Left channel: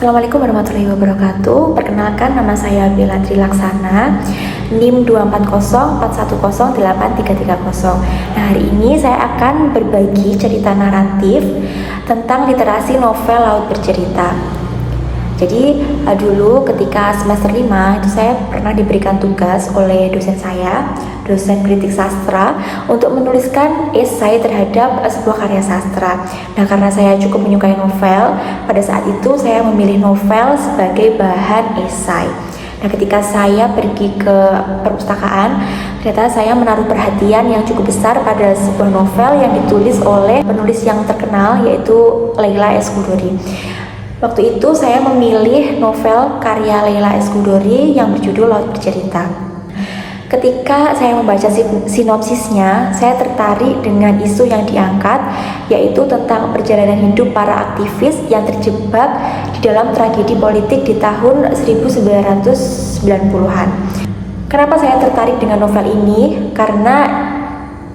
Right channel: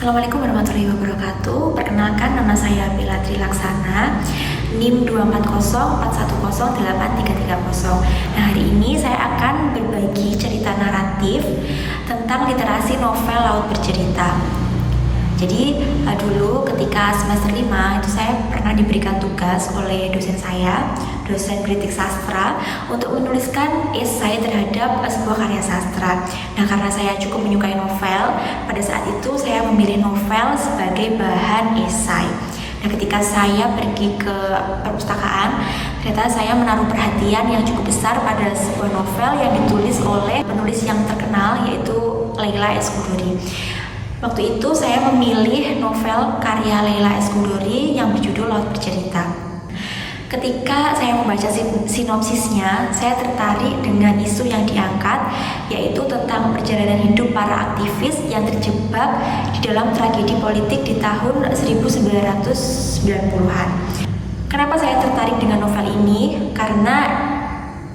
Assalamualaikum warahmatullahi wabarakatuh. Perkenalkan, nama saya Bella Trilaksana, NIM 240410830. Nah, hari ini saya akan berbagi cerita naratif tentang literasi novel Laut Bercerita. Jadi dulu ketika semester 5 itu saya pernah diberikan tugas oleh dosen saya, dosen kritik sastra, untuk menuliskan esai terhadap sebuah karya sastra. Nah, karena saya cukup menyukai novel, pada saat itu saya memilih novel sebagai bahan esai. Nah, ketika saya pergi ke perpustakaan, ternyata saya menaruh perhatian yang cukup besar pada sebuah novel yang ditulis oleh penulis yang terkenal, yaitu Leila S. Chudori. Waktu itu saya memilih novel karya Leila S. Chudori yang berjudul Laut Bercerita. Ketika saya membaca sinopsisnya, saya tertarik dengan isu yang diangkat, yaitu tentang perjalanan hidup para aktivis yang terjebak di dalam tragedi politik di tahun 1990-an. Kenapa saya tertarik dengan novel ini? Karena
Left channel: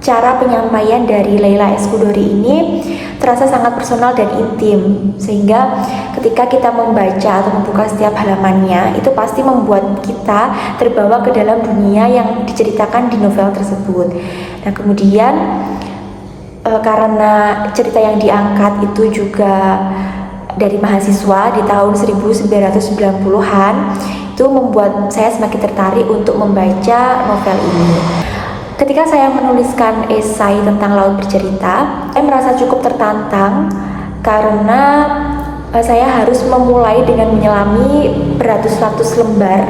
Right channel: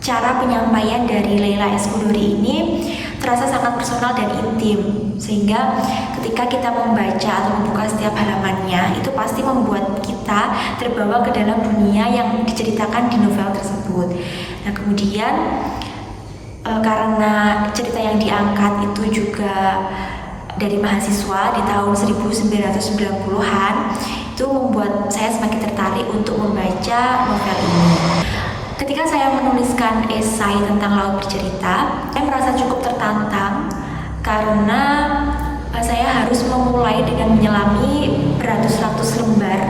cara penyampaian dari Leila S. Chudori ini terasa sangat personal dan intim, sehingga ketika kita membaca atau membuka setiap halamannya, itu pasti membuat kita terbawa ke dalam dunia yang diceritakan di novel tersebut. Nah, kemudian karena cerita yang diangkat itu juga dari mahasiswa di tahun 1990-an, itu membuat saya semakin tertarik untuk membaca novel ini. Ketika saya menuliskan esai tentang Laut Bercerita, saya merasa cukup tertantang karena saya harus memulai dengan menyelami beratus-ratus lembar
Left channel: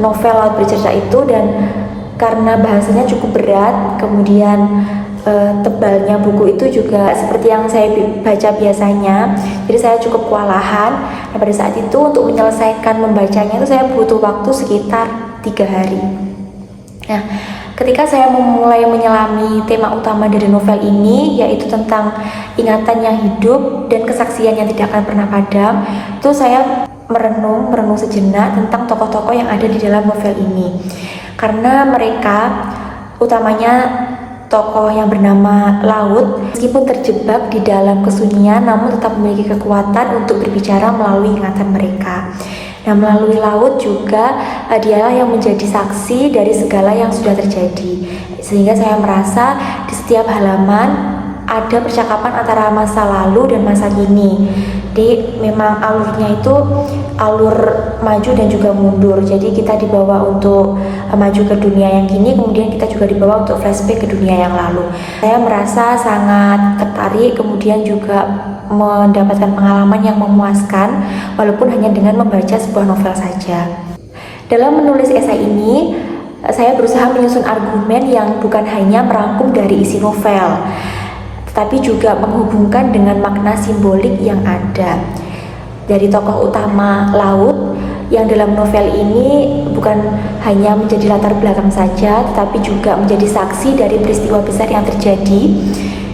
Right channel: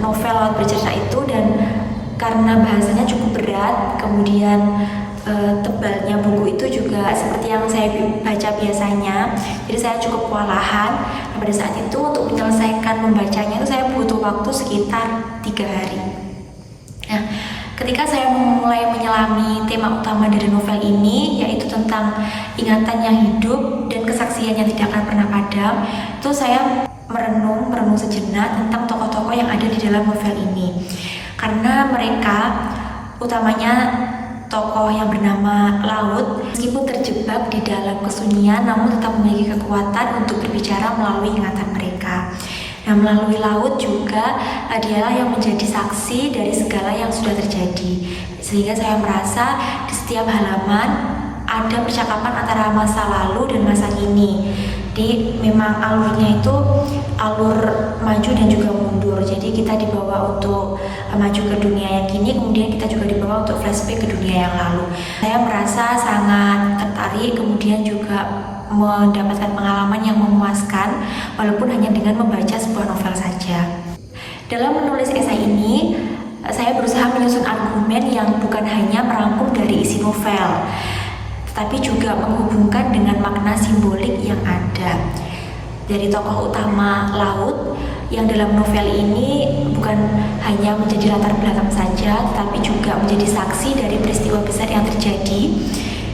novel Laut Bercerita itu, dan karena bahasanya cukup berat, kemudian tebalnya buku itu juga seperti yang saya baca biasanya, jadi saya cukup kewalahan. Nah, pada saat itu untuk menyelesaikan membacanya itu saya butuh waktu sekitar 3 hari. Nah, ketika saya memulai menyelami tema utama dari novel ini, yaitu tentang ingatan yang hidup dan kesaksian yang tidak akan pernah padam, itu saya merenung sejenak tentang tokoh-tokoh yang ada di dalam novel ini. Karena mereka, utamanya tokoh yang bernama Laut, meskipun terjebak di dalam kesunyian, namun tetap memiliki kekuatan untuk berbicara melalui ingatan mereka. Nah, melalui Laut juga dialah yang menjadi saksi dari segala yang sudah terjadi, sehingga saya merasa di setiap halaman ada percakapan antara masa lalu dan masa kini. Jadi memang alurnya itu alur maju dan juga mundur, jadi kita dibawa untuk maju ke dunia yang kini, kemudian kita juga dibawa untuk flashback ke dunia yang lalu. Saya merasa sangat tertarik, kemudian juga mendapatkan pengalaman yang memuaskan walaupun hanya dengan membaca sebuah novel saja. Dalam menulis esai ini, saya berusaha menyusun argumen yang bukan hanya merangkum dari isi novel, tetapi juga menghubungkan dengan makna simbolik yang ada. Dari tokoh utama Laut yang dalam novel ini bukan hanya menjadi latar belakang saja, tetapi juga menjadi saksi dari peristiwa besar yang terjadi.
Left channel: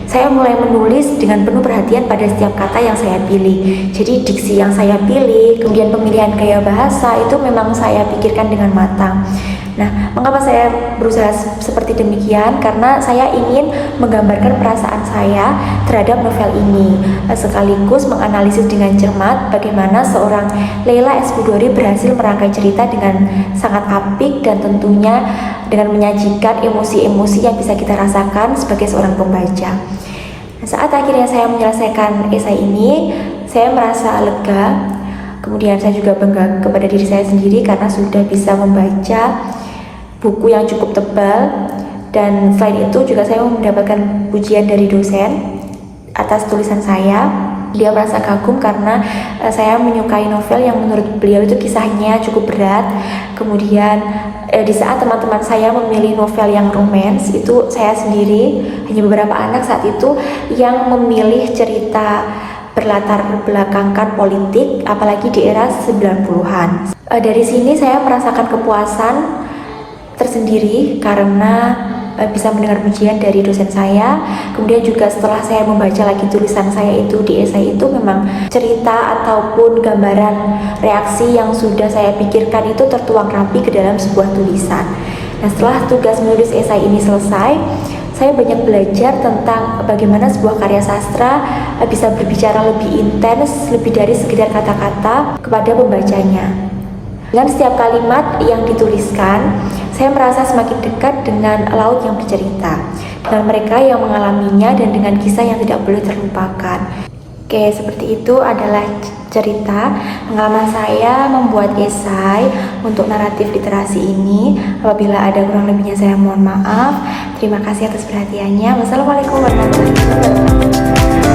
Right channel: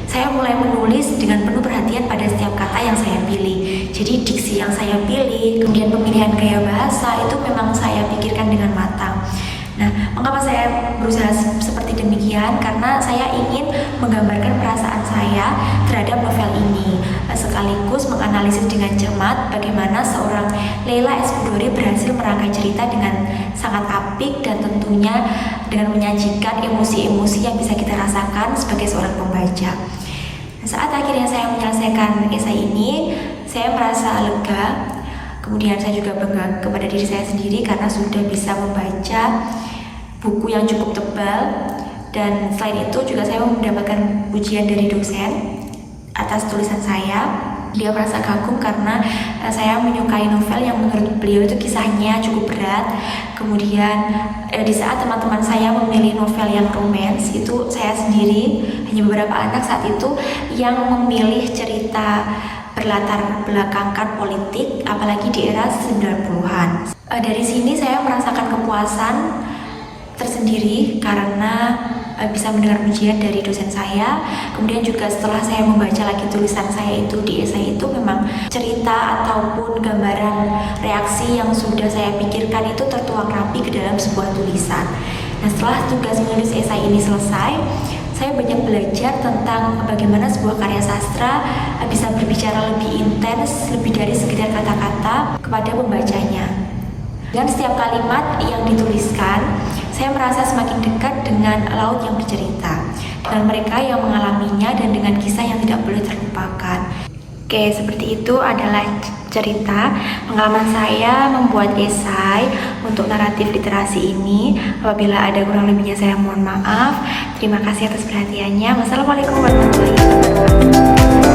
Saya mulai menulis dengan penuh perhatian pada setiap kata yang saya pilih. Jadi diksi yang saya pilih, kemudian pemilihan gaya bahasa itu memang saya pikirkan dengan matang. Nah, mengapa saya berusaha seperti demikian? Karena saya ingin menggambarkan perasaan saya terhadap novel ini, sekaligus menganalisis dengan cermat bagaimana seorang Leila S. Chudori berhasil merangkai cerita dengan sangat apik dan tentunya dengan menyajikan emosi-emosi yang bisa kita rasakan sebagai seorang pembaca. Saat akhirnya saya menyelesaikan esai ini, saya merasa lega. Kemudian saya juga bangga kepada diri saya sendiri karena sudah bisa membaca buku yang cukup tebal. Dan selain itu juga saya mendapatkan pujian dari dosen atas tulisan saya. Dia merasa kagum karena saya menyukai novel yang menurut beliau itu kisahnya cukup berat. Kemudian di saat teman-teman saya memilih novel yang romance, itu saya sendiri, hanya beberapa anak saat itu yang memilih cerita berlatar belakangkan politik, apalagi di era 90-an. Dari sini saya merasakan kepuasan tersendiri karena bisa mendengar pujian dari dosen saya. Kemudian juga setelah saya membaca lagi tulisan saya itu di esai itu, memang cerita ataupun gambaran reaksi yang sudah saya pikirkan itu tertuang rapi ke dalam sebuah tulisan. Nah, setelah tugas menulis esai ini selesai, saya banyak belajar tentang bagaimana sebuah karya sastra bisa berbicara lebih intens, lebih dari sekedar kata-kata kepada pembacanya. Dengan setiap kalimat yang dituliskan, saya merasa semakin dekat dengan laut yang bercerita, dengan mereka yang mengalaminya dan dengan kisah yang tidak boleh terlupakan. Oke, seperti itu adalah cerita pengalaman saya membuat esai untuk naratif literasi ini. Apabila ada kurang lebihnya saya mohon maaf. Terima kasih atas perhatiannya. Wassalamualaikum warahmatullahi wabarakatuh.